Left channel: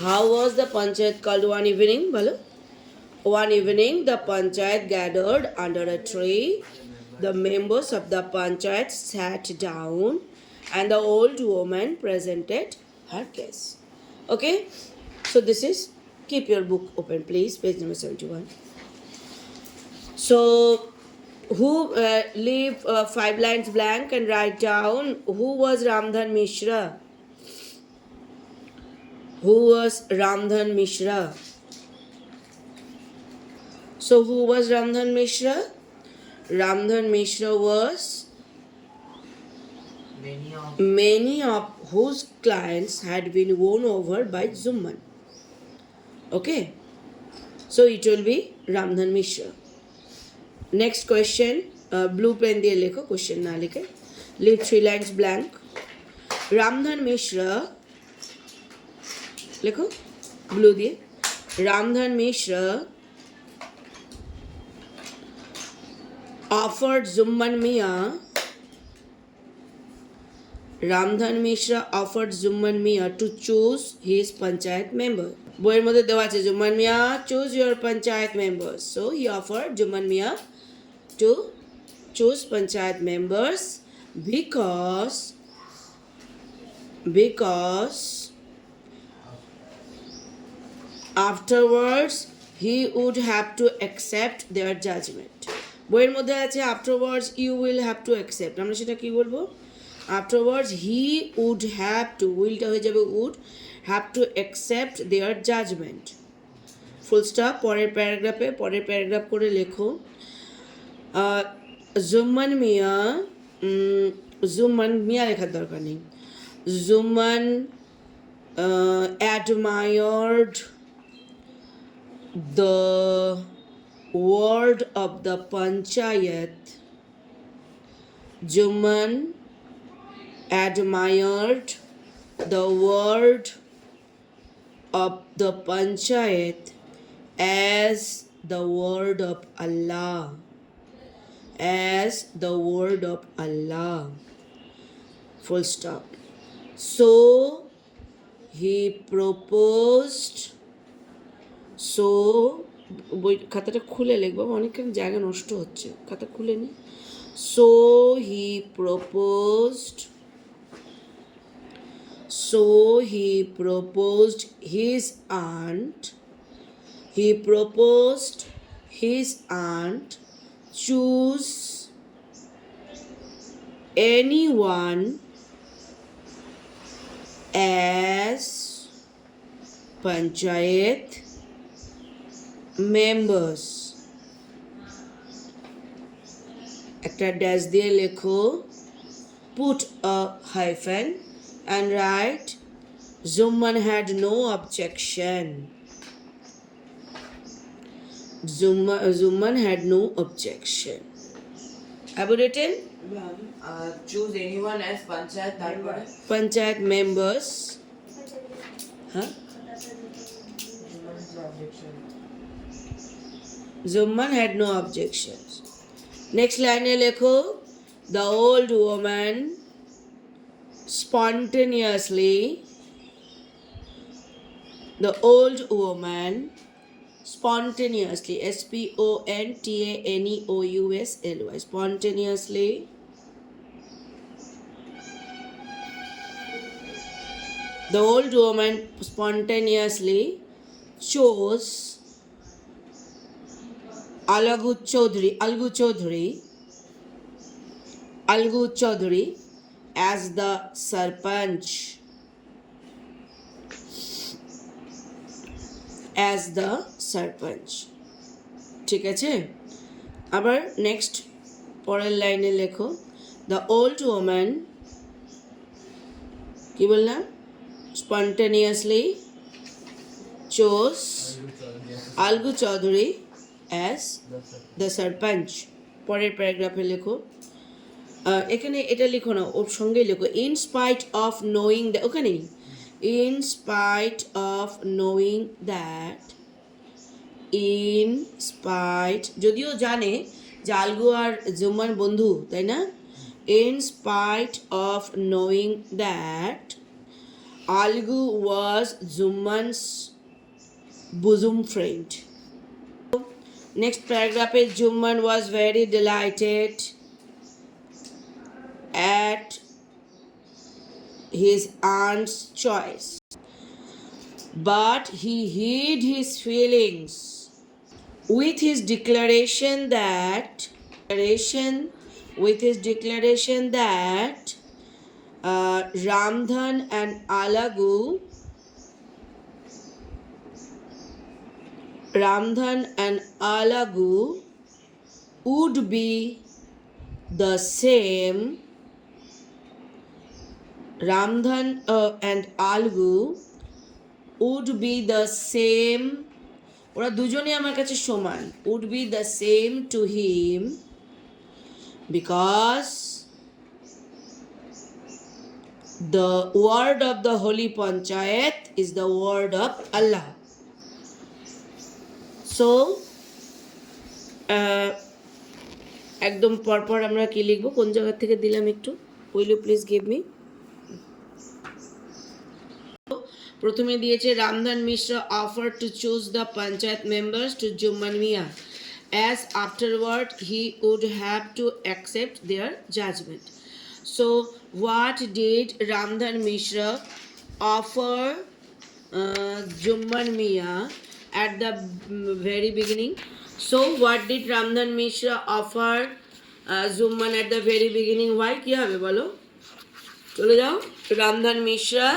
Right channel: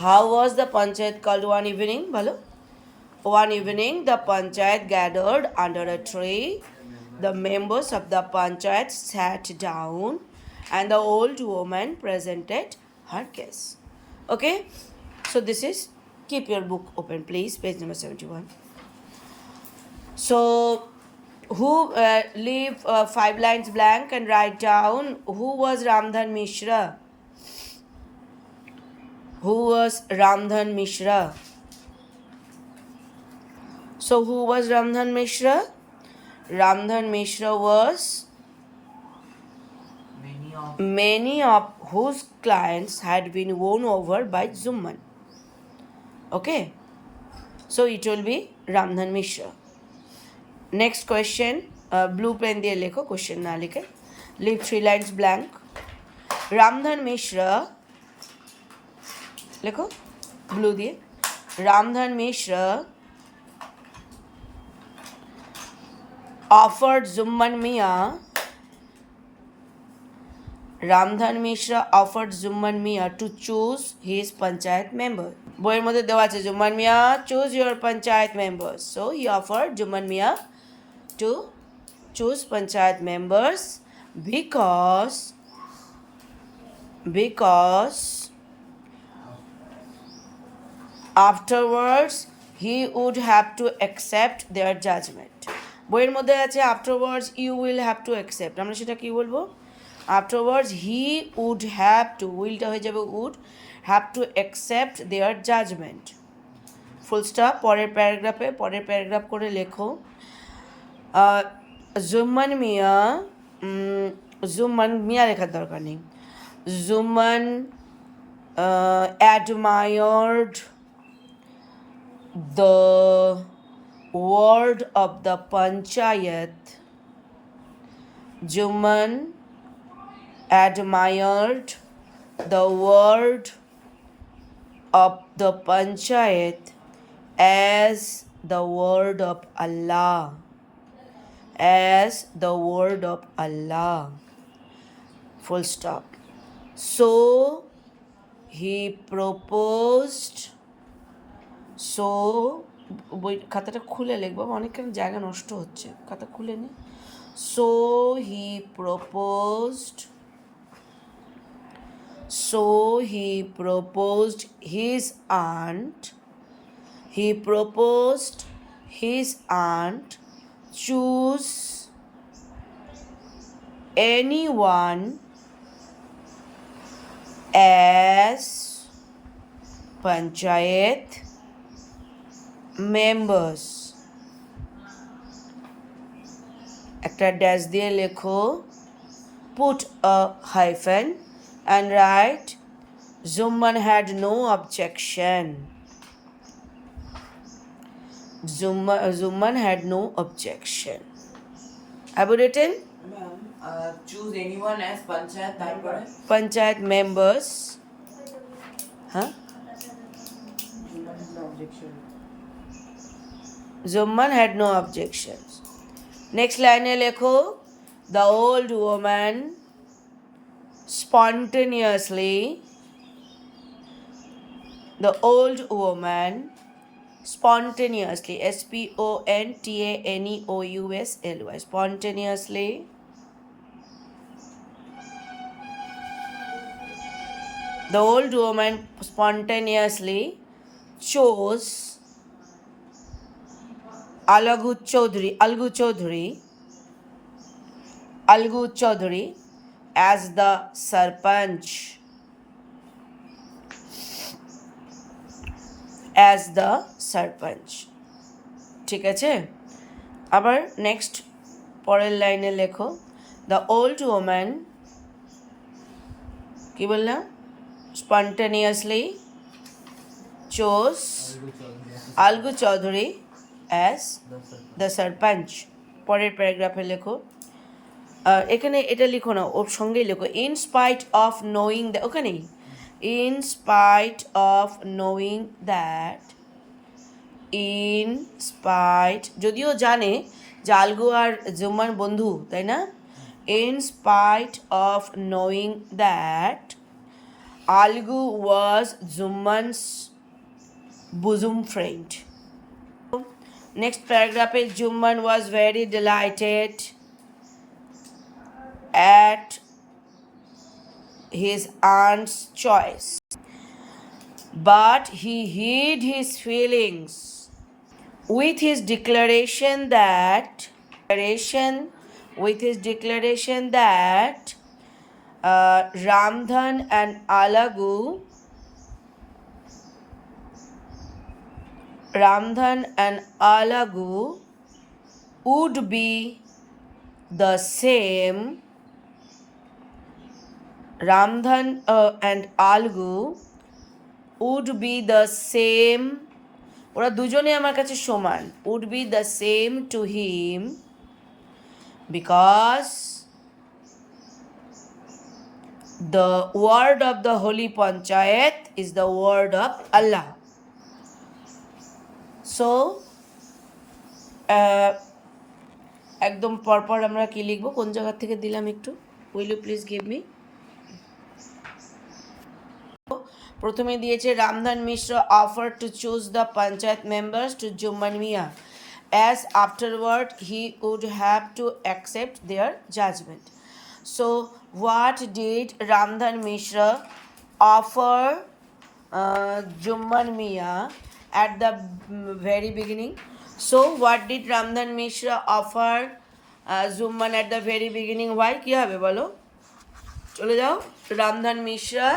How was the Panchayat called one evening? Balo. One evening, the Panchayat gathered under a tree. The members of the Panchayat sat down and the old woman presented her case. Okay? So this is, keep your book open please, page number 71. So, who leave 5 lines blank and write down who was Ramdhan Mishra. Who was Ramdhan Mishra? So, who was Ramdhan Mishra? Ramdhan Mishra was many of whose clients had been won over by Zumman. Okay, so it will be Ramdhan Mishra. Next question, blue pen diye lekho, question na likhe, leave 3 lines blank. Ramdhan Mishra lekho blue diye. Ramdhan Mishra offered Zumman Mia. Ramdhan Mishra offered Zumman Mia to choose his Panchayat member. বইয়ের মধ্যে দেওয়া আছে Zumman Mia, choose your Panchayat members. So he offered Zumman Mia to choose Panchayat members because afterwards he would have to accept their judgment. বইয়ের মধ্যে আছে afterwards you will have to accept. আমরা সেটা কি বলবো? Afterwards he would have to, willটা হয়ে যাবে would, have to accept their judgment. Full stop. পরের প্যারাগ্রাফ করে লেখো Zumman Mia লেখার দরকার নেই. Zumman admired the word of the Panchayat. Zumman admired the word of the Panchayat as the word of Allah. As the word of Allah. Full stop. So he proposed. So বই খাতাটা খুলে লিখবো, অনেকখানি জায়গা নষ্ট হচ্ছে, খাতা খুলে নি. So he proposed his aunt choose anyone as Panchayat members. একটা ড্যাশ দিয়ে লেখো, put a hyphen and write Zumman had no objection. Zumman had no objection. Have you written? Choose anyone as Panchayat members. Huh? Zumman had no objections. Next line lekho, the old woman spontaneously spontaneously, spontaneously the old woman spontaneously chose Algu Chaudhary as the Sarpanch. ঠিক আছে? আবার নেক্সট পরের লাইনে লেখো, the old woman, কি বললাম, spontaneously chose Algu Chaudhary as the sarpanch. পরের প্যারাগ্রাফে লেখো, এখানে এটা লিখো না, ওর সঙ্গেই লেখো in spite of knowing that, ওখানেই in spite of knowing that, in spite, যদিও জানে যে আলগু আর জুম্মান বন্ধু, তাই না, in spite of knowing that Algu was Jumman's bosom friend. Next paragraph is Jumman was very delighted at his aunt's choice, but he hid his feelings with his declaration that Ramdhan and Alagu would be the same. Ramdhan and Algu would be the same. ওরা দুজনে আমার কাছে সমান. Would be the same to him because the word of the Holy Panchayat is the word of Allah. So, একদম পরপর আমরা কি লিখবো, কোন জায়গা থেকে দিলাম একটু, will you please give me. প্রথমে দিয়েছে Ramdhan Mishra offer to choose the panchayat members to Jumman Miya as afterward he would have to accept their judgment. So what did Ramdhan Mishra offer Jumman Mia at the very beginning? So what did Ramdhan Mishra offer Jumman at the very beginning? Why? কি হবে বলো, চলে যাও। Ramdhan Mishra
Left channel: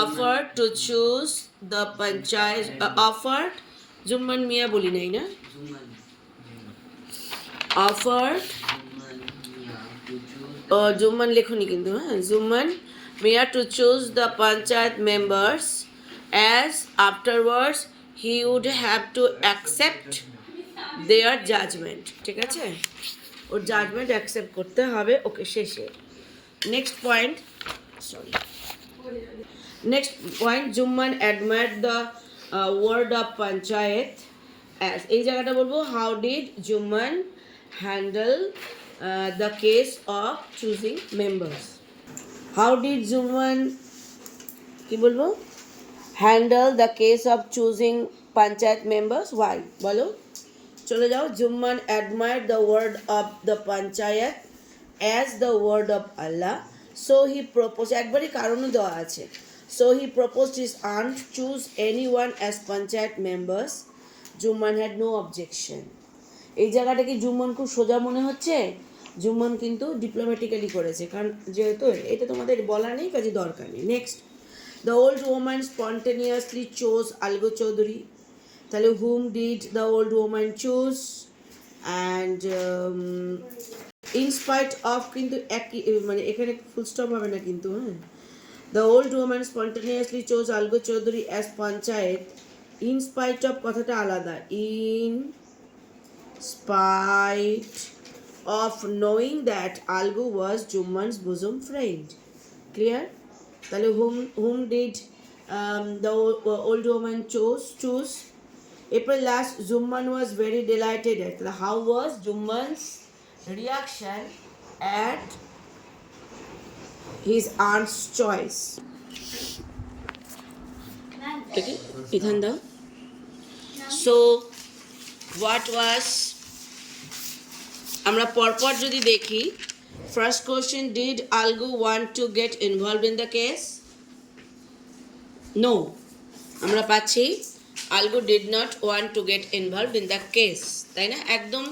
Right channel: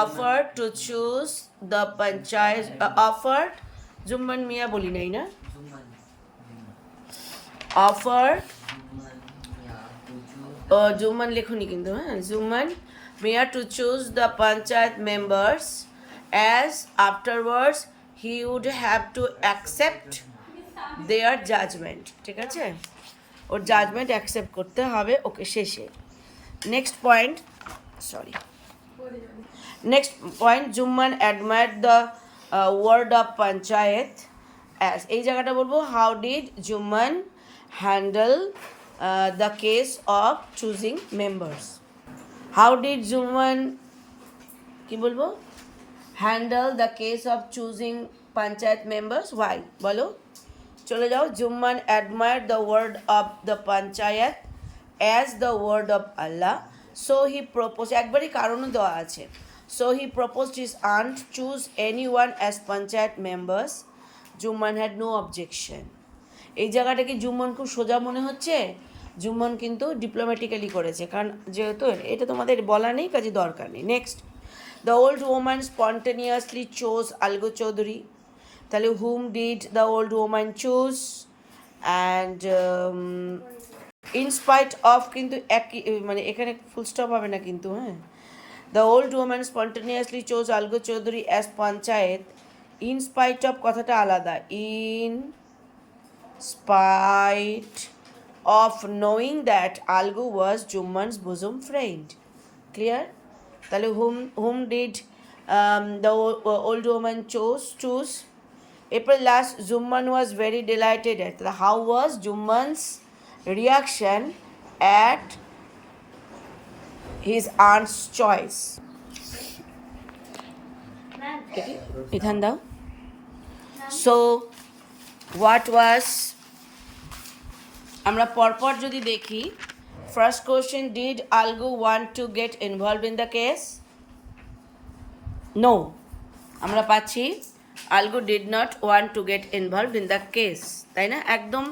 offered to choose the panchayat offered Jumman Mia বলি নাই না, offered Jumman লেখনি কিন্তু, হ্যাঁ, Jumman Mia to choose the panchayat members as afterwards he would have to accept their judgment. ঠিক আছে, ওর জাজমেন্ট অ্যাকসেপ্ট করতে হবে। ওকে, শেষে next point, sorry, next point, Jumman admired the word of Panchayat as, এই জায়গাটা বলবো, how did Jumman handle the case of choosing members? How did Jumman কি বলবো, handle the case of choosing Panchayat members? Why? বলো, চলে যাও। Jumman admired the word of the Panchayat as the word of Allah, so he proposed, একবারই কারণও দেওয়া আছে, so he proposed his aunt choose anyone as Panchayat members. Jumman had no objection. এই জায়গাটা কি জুম্মন খুব সোজা মনে হচ্ছে? জুম্মন কিন্তু ডিপ্লোম্যাটিক্যালি করেছে, কারণ যেহেতু এটা তোমাদের বলা নেই, কাজে দরকার নেই। Next, the old woman spontaneously chose Algu Chaudhary. তাহলে whom did the old woman choose, and in spite of, কিন্তু একই, মানে এখানে ফুল স্টপ হবে না কিন্তু, হ্যাঁ। The old woman spontaneously chose Algu Chaudhary as panchayat, in spite of কথাটা আলাদা, in spite of knowing that Algu was Jumman's bosom friend. Clear? তাহলে whom did the old woman choose. এরপর last, Jumman was very delighted at, how was Jumman's reaction at his aunt's choice? Okay, Ethan down. So what was, আমরা পরপর যদি দেখি, first question, did Algu want to get involve in the case? No, আমরা পাচ্ছি Algu did not want to get involve in the case, তাই না? একদম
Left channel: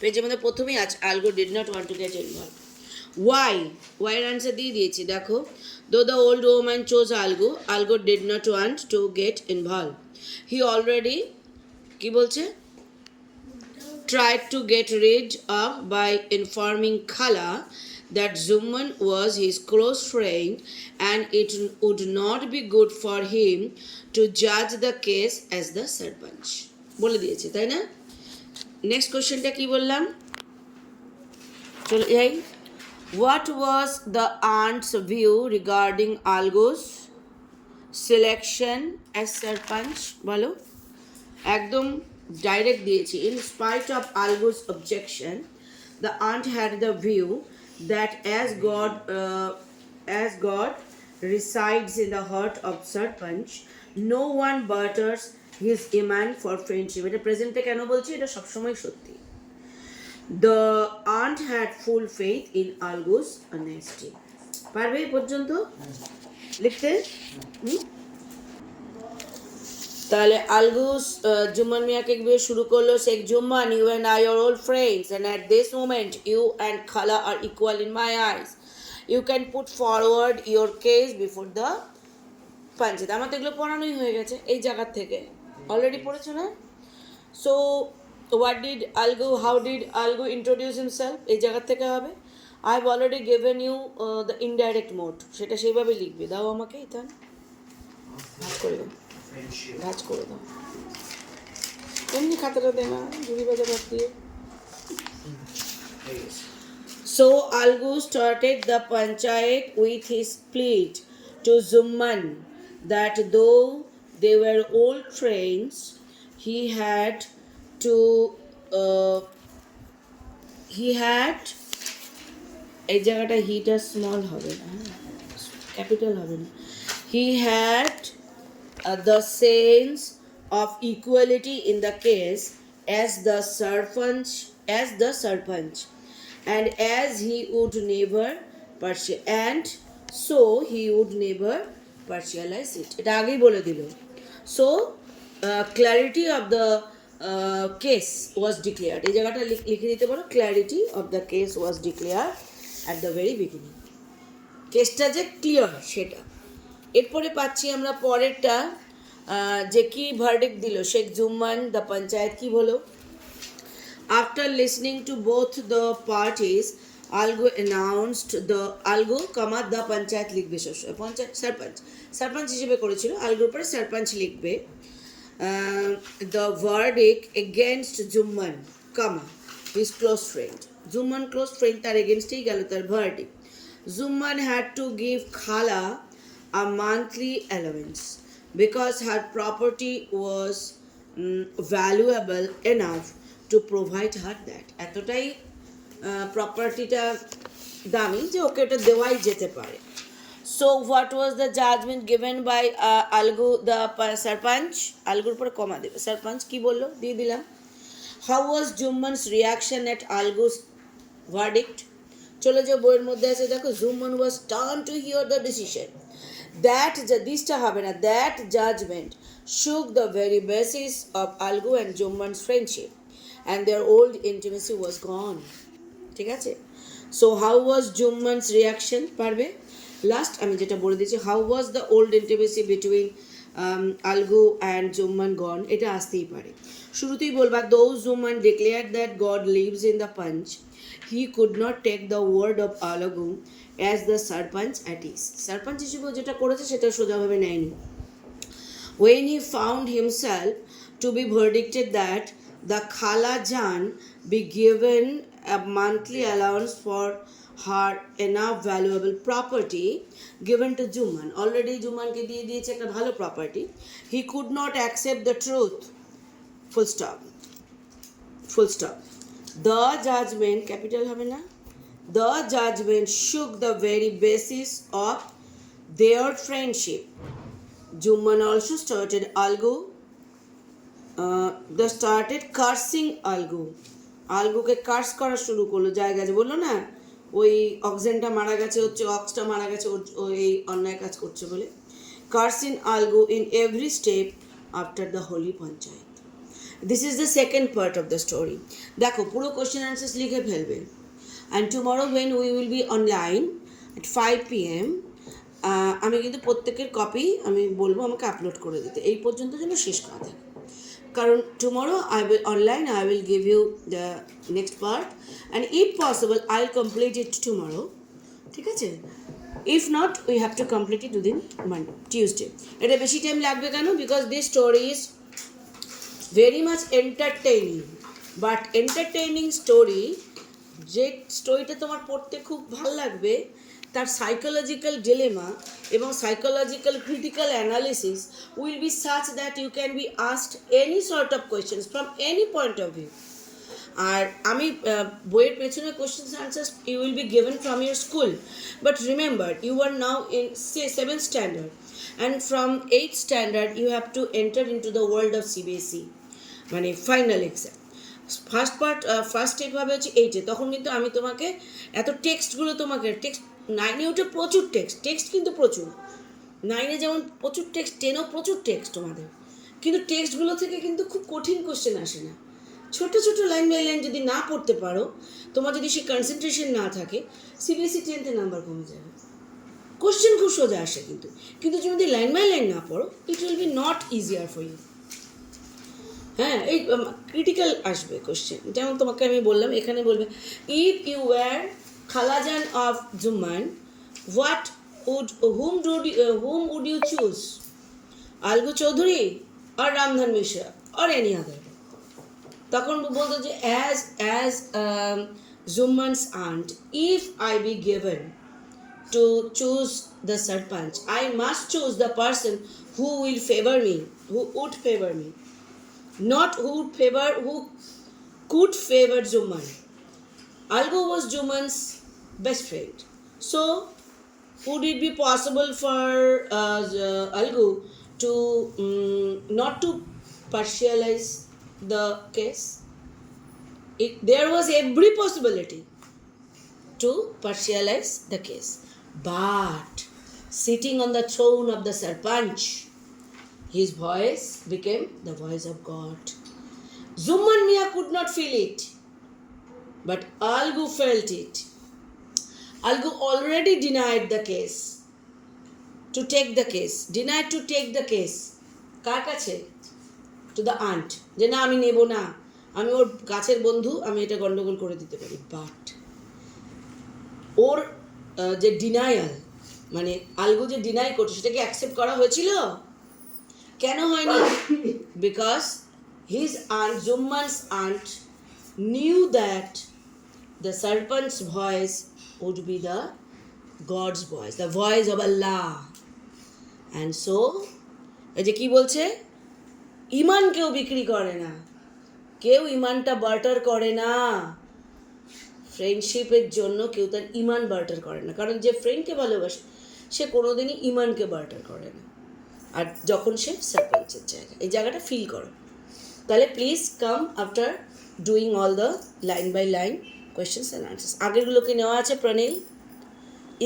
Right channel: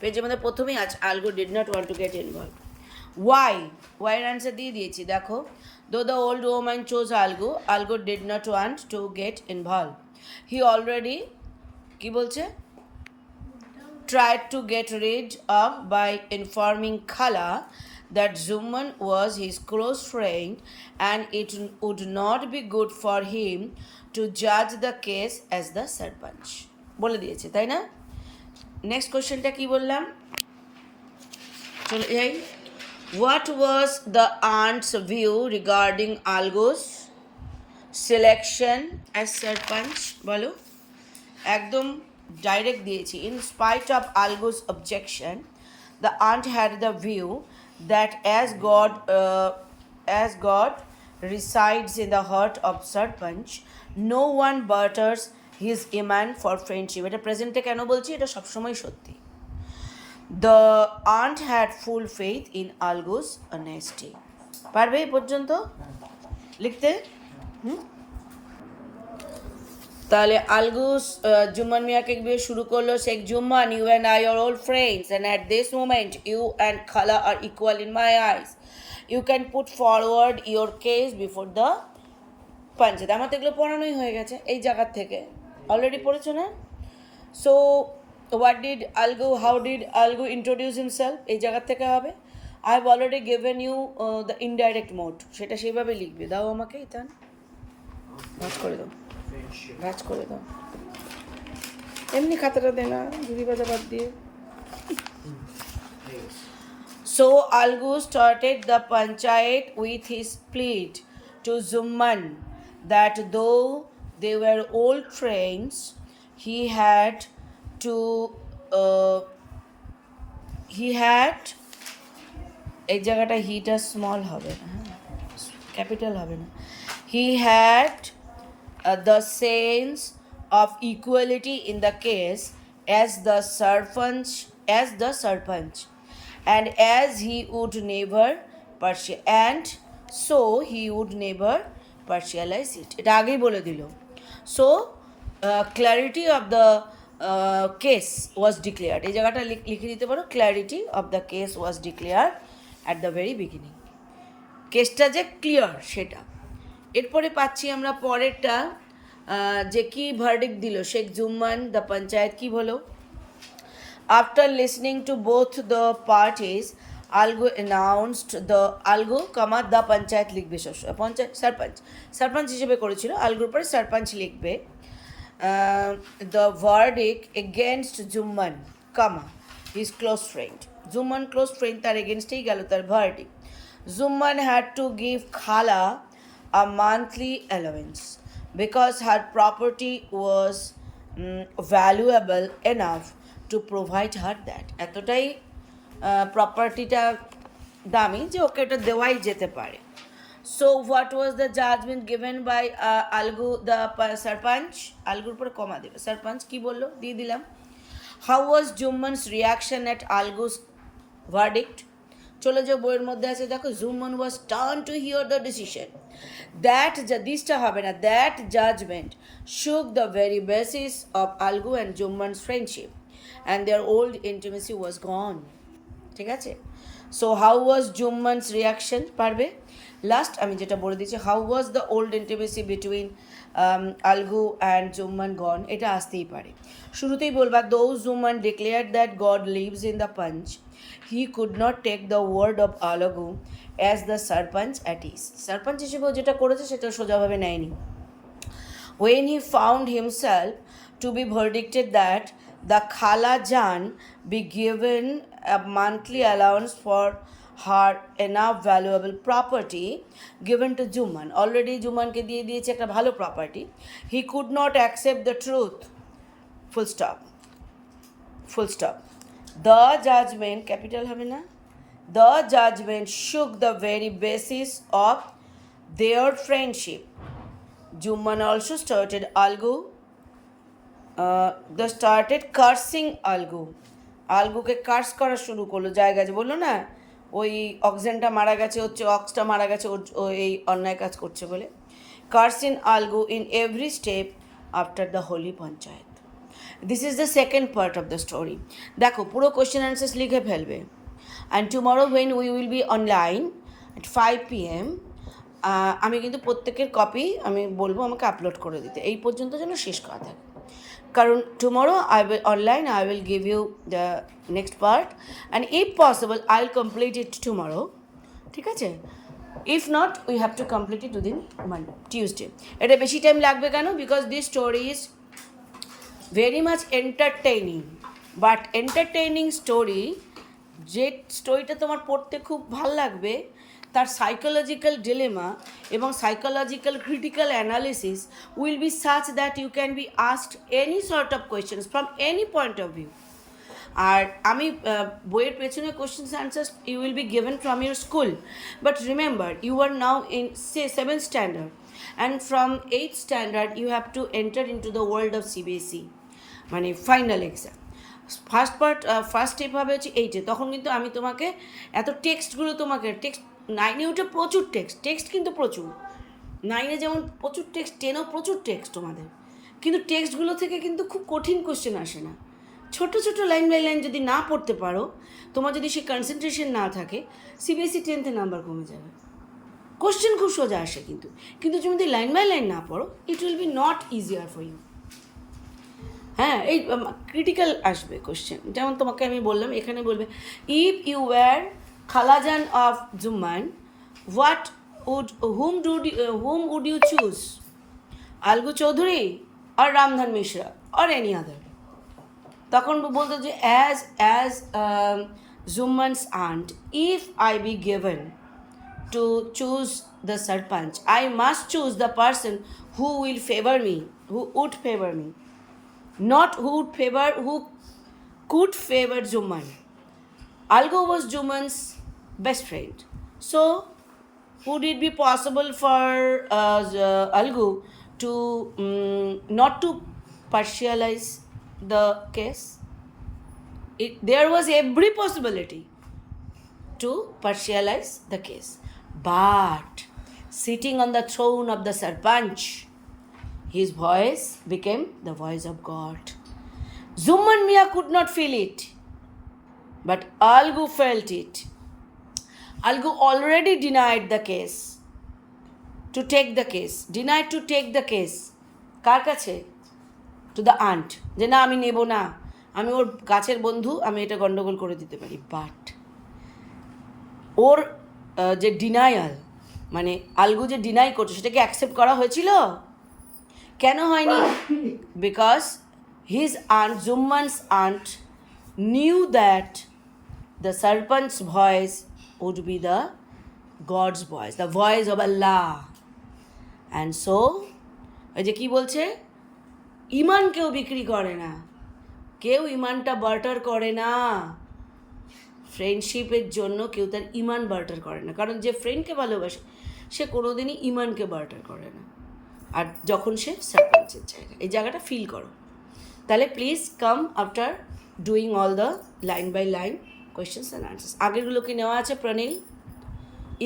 পেজের মধ্যে প্রথমেই আছে Algu did not want to get involve. ওয়াইয়ের আনসার দিয়ে দিয়েছি, দেখো, though the old woman chose Algu did not want to get involve, he already, কি বলছে, tried to get rid of by informing Khala that Jumman was his close friend and it would not be good for him to judge the case as the sarpanch. বলে দিয়েছে, তাই না? নেক্সট কোশ্চেনটা কি বললাম, চলে যাই। What was the aunt's view regarding Algu's selection as sarpanch? বলো, একদম ডাইরেক্ট দিয়েছি। In spite of Algu's objection, the aunt had the view that as God resides in the heart of Sarpanch. No one butters his iman for friendship. এটা প্রেজেন্টে কেন বলছি, এটা সবসময় সত্যি। The aunt had full faith in Algu's honesty. পারবে এই পর্যন্ত লিখতে? তাহলে আলগুস জুম্মান মিয়াকে দিয়ে শুরু করলো, Sheikh Jumman, you and I are old friends and at this moment you and khala are equal in my eyes. You can put forward your case before the panchayat. আমার তো এগুলো পড়ানোই হয়ে গেছে এই জায়গার থেকে, অলরেডি পড়েছো না? So what did Algu, how did Algu introduce himself, এই জায়গার থেকে হবে। I have already given you the indirect mode, সেটা সেইভাবে লিখবে। দাও আমাকে ইতান, ভাজ করে দাও, ভাজ করে দাও, এমনি খাতাটা দে না, ঝুড়ি বাজা বাদ দিয়ে। So Algu started the Panchayat with his plea to Zumman that though they were old friends, he had এই জায়গাটা হিটা স্মল হবে না, ক্যাপিটাল হবে না। He had the sense of equality in the case as the Sarpanch, and as he would never partialize it. এটা আগেই বলে দিল। So clarity of the case was declared. এই জায়গাটা লিখে দিতে পারো, clarity of the case was declared at the very beginning. কেসটা যে ক্লিয়ার সেটা। এরপরে পাচ্ছি আমরা পরেরটা, যে কি ভার্ডিক্ট দিল শেখ জুম্মান, দ্য পঞ্চায়েত কি বলো। After listening to both the parties, Algu announced the the panchayat লিখবে সবসময়, পঞ্চায়েত সারপঞ্চ হিসেবে করেছিল, আলগুর পরে সারপঞ্চ লিখবে। The verdict against Jumman, his close friend. Jumman close friend, তার এগেনস্টেই গেল তার verdict. Zumman had to give Khala a monthly allowance because her property was valuable enough to provide her that. এতটাই প্রপার্টিটা দামি যে ওকে এটা দেওয়াই যেতে পারে। So what was the judgment given by Algu the Sarpanch? আলগুর পরে কমা দেবে, সারপঞ্চ কি বললো দিয়ে দিলাম। How was Jumman's reaction at Algu's verdict? চলে যাও বইয়ের মধ্যে আছে দেখো, Jumman was turn to hear the decision that, দিসটা হবে না, that judgement shook the very basis of Algu and Jumman's friendship and their old intimacy was gone. ঠিক আছে, so how was Jumman's reaction, পারবে? লাস্ট আমি যেটা বলে দিচ্ছি, how was the old intimacy between Algu and Jumman gone, এটা আসতেই পারে। শুরুতেই বলবা, though Jumman declare that God lives in the panch, he could not take the word of Alagu as the Sarpanch at ease. Sarpanch হিসেবে যেটা করেছে সেটা সোজাভাবে নেয়নি। When he found himself to be verdicted that the Khala Jan be given a monthly allowance for her enough valuable property given to Jumman, already জুম্মানকে দিয়ে দিয়েছে একটা ভালো property, he could not accept the truth, full stop. The judgment, capital হবে না, the judgment shook the very basis of their friendship. Jumman also started cursing Algu. আলগুকে curse করা শুরু করলো, জায়গায় বললো না ওই অক্সেনটা মারা গেছে, হচ্ছে অক্সটা মারা গেছে ও এই অন্যায় কাজ করছে বলে। Cursing Algu in every step after the holy panchayat. This is the second part of the story. দেখো পুরো কোয়েশ্চেন অ্যান্সার্স লিখে ফেলবে। And tomorrow when we will be online at 5 PM, আমি কিন্তু প্রত্যেকের কপি আমি বলবো আমাকে আপলোড করে দিতে, এই পর্যন্ত যেন শেষ করা থাকে। কারণ tomorrow I will give you the next part, and if possible I will complete it tomorrow. ঠিক আছে, if not we have to complete it within Tuesday. এটা বেশি টাইম লাগবে কেন? Because this story is very much entertaining, but entertaining story, যে স্টোরিটা তোমার পড়তে খুব ভাল লাগবে তার সাইকোলজিক্যাল ডিলেমা এবং psychological critical analysis will be such that you can be asked any sort of questions from any point of view. আর আমি বইয়ের পেছনে questions answers you will be given from your school, but remember you are now in 7th standard and from 8th standard you have to enter into the world of CBSE, মানে final exam. First step হবে হচ্ছে 8-এ, তখন কিন্তু আমি তোমাকে এত টেক্সটগুলো তোমাকে টেক্সট 9-এ উঠে প্রচুর টেক্সট কিন্তু প্রচুর, 9-এ যেমন প্রচুর টেক্সট, 10-এও প্রচুর টেক্সট তোমাদের, কিন্তু টেক্সটগুলো থেকে কিন্তু খুব কঠিন কোশ্চেন আসে না। ছোট ছোট লাইন বাই লাইন যদি না পড়তে পারো, তোমার যদি সেই কনসেন্ট্রেশন না থাকে, সিবিএসই 10th নাম্বার কমে যাবে। কোশ্চেন খুব সোজা আসে, কিন্তু কিন্তু তুমি যদি লাইন বাই লাইন না পড়ো, it will be not easier for you. হ্যাঁ, এই ক্রিটিক্যাল আসবে কোশ্চেন, যেমন তোমাকে আমি বললাম, এখানে বলবে ইফ ইউ ওয়্যার খালাজান of Jumman what whom would you choose? Algu Chaudhary আর রামধন মিশ্রা আর এনি আদার? তখন বলতো যে as Jumman's aunt, if I be given to choose the sarpanch, I must choose the person who will favor me, who would favor me, not who could favor Jumman. Algu was Jumman's best friend, so would it be possible for Algu to not to partialize the case? There was every possibility to partialize the case, but sitting on the throne of the sarpanch, his voice became the voice of God. Zumman Mia could not feel it, but Algu felt it. Algu already denied the case, denied to take the case. কার কাছে? To the aunt, যে না আমি নেব না, আমি ওর কাছের বন্ধু, আমি এটা গন্ডগোল করে দিতে পারি। বাট ওর যে ডিনায়াল, মানে আলগু যে ডিনাই করছে, সেটাকে অ্যাকসেপ্ট করা হয়েছিল? কেন হয়নি? Because his aunt, Jumman's aunt, knew that the sarpanch voice would be the God's voice, the voice of Allah. And so ওই যে কী বলছে, ইমান কেউ বিক্রি করে না, কেউ ইমানটা বার্টার করে না। ফ্রেন্ডশিপের জন্য কেউ তার ইমান বার্টার করে না, কারণ যে ফ্রেন্ডকে ভালোবাসে সে কোনোদিনই ইমানকে বার্টার করে না। আর যখন সে সারপঞ্চের জায়গা, এই জায়গাটা ফিল করো, তাহলে please come after doing all the line by line questions and answers. আগেরগুলোকে নেওয়া আছে Pranil?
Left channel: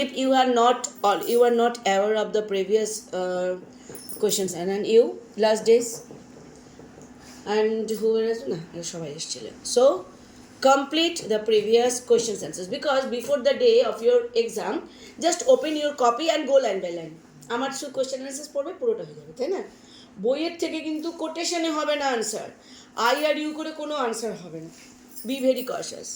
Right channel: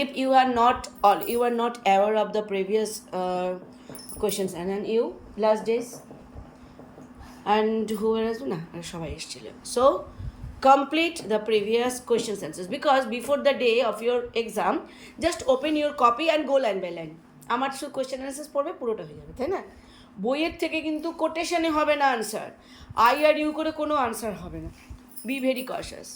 If you are not aware of the previous questions and you last days and who আসবে না, সবাই এসেছিল। So complete the previous questions answers, because before the day of your exam just open your copy and go line by line. আমার শুধু question answers পড়বে, পুরোটা হয়ে যাবে, তাই না? বইয়ের থেকে কিন্তু কোটেশনে হবে না আনসার, আই আর ইউ করে কোনো আনসার হবে না, বি ভেরি কশাস।